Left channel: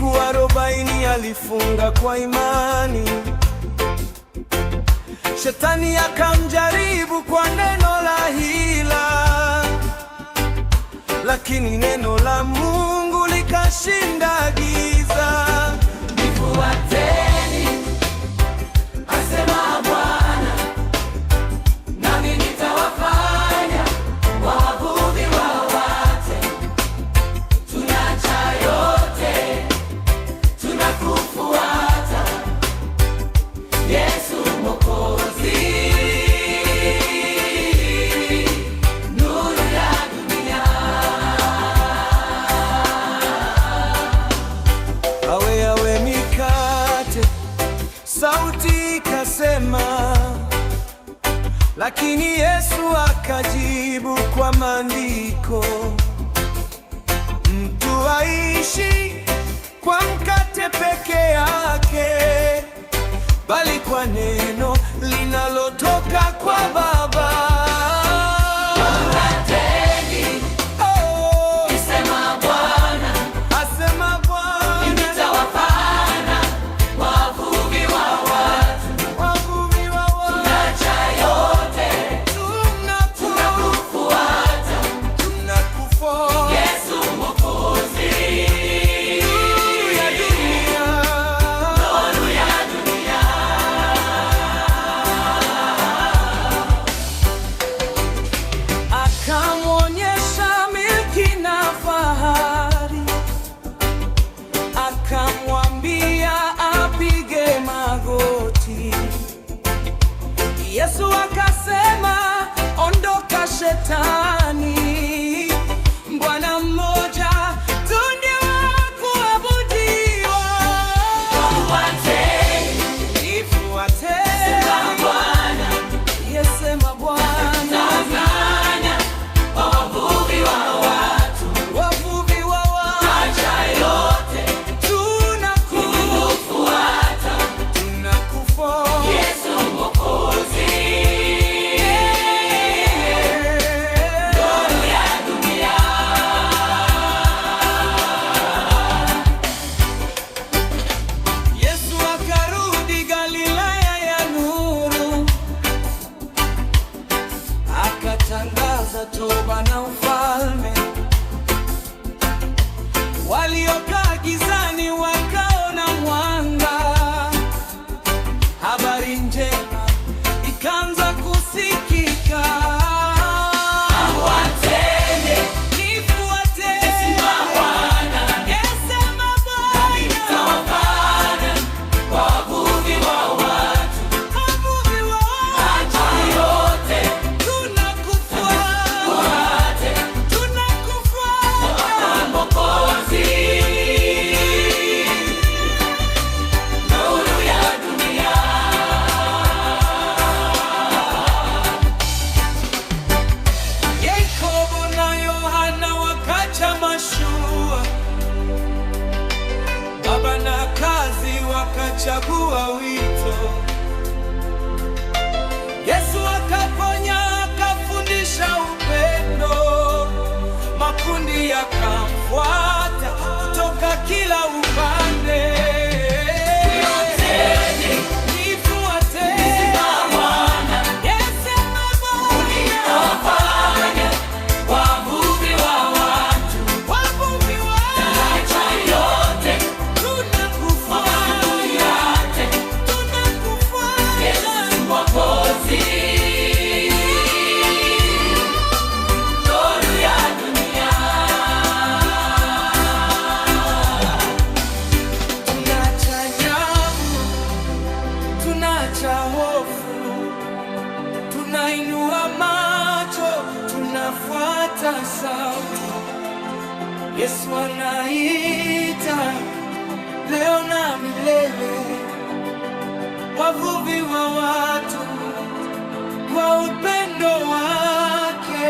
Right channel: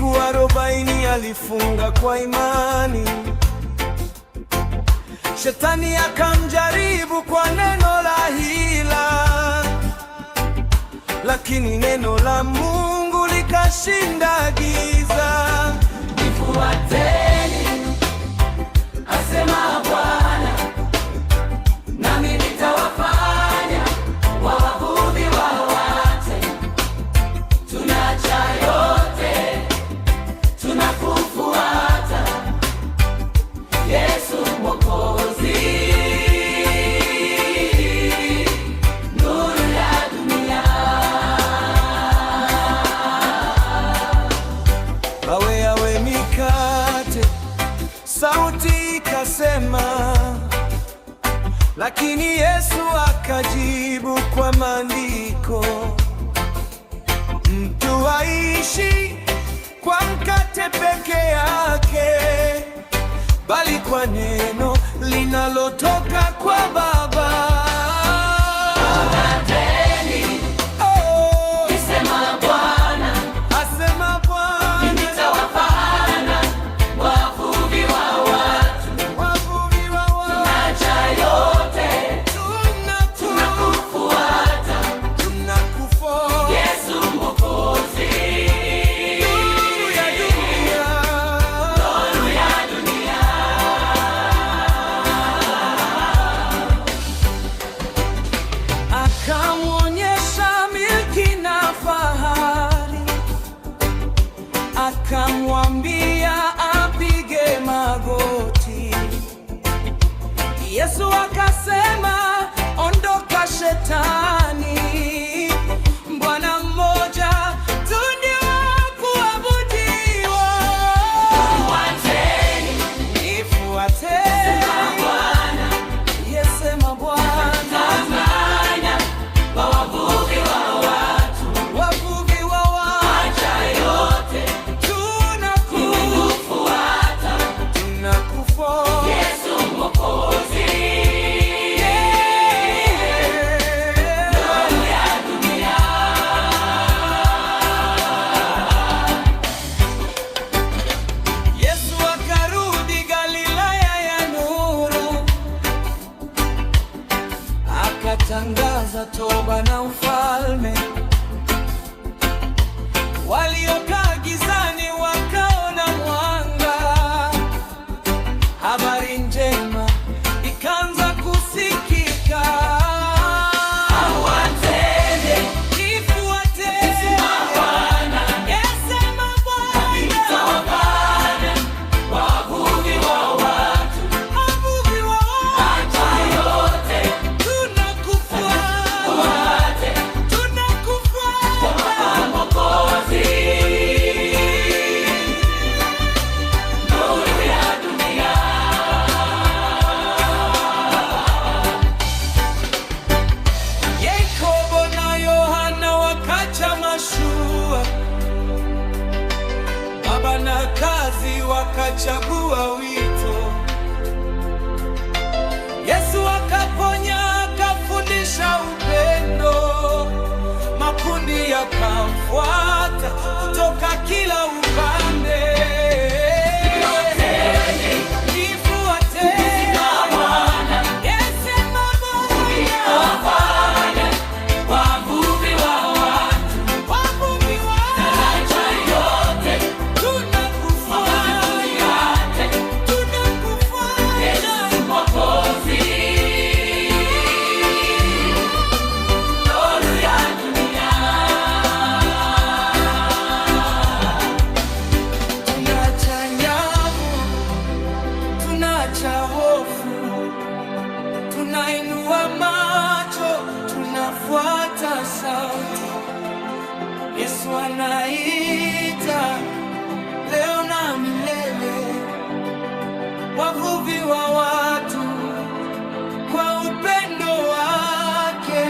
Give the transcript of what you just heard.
Siku 40 alifunga kwa imani. Shetani akamjaribu kwa neno la hila, lakini neno la Mungu likashinda giza. Nifuateni, asema Bwana, nami nitawafanya wavuvi wa watu. Tunaacha yote, tunakufuata Yesu Mwokozi, nuru ya dunia. Awe mikate, sauti ikasema, lakini Yesu akajibu kwa maandiko, mtu aishi kwa mkate peke yake, bali kwa neno linalotoka kwa Baba. Akamwonyesha milki na fahari, akamwambia apige magoti. Yesu akasema, ondoka Shetani, Bwana mmoja tu ndiye wa kuabudiwa. Nifuateni, yesema Bwana. Akarudi Galilaya ya nuru, akatangaza toba na ufalme. Waliokaa gizani wakaona mwanga, habari njema ikaanza kusikika. Mashua, baba na kazi wakachagua wito. Yesu akaponya, akafundisha upendo. Makundi yakamfuata kutoka kila upande. Nyavu, tunacha hofu, tunainua macho, tunafuata sauti. Yesu anaita leo na milele, wavuvi wa watu kwa upendo wake.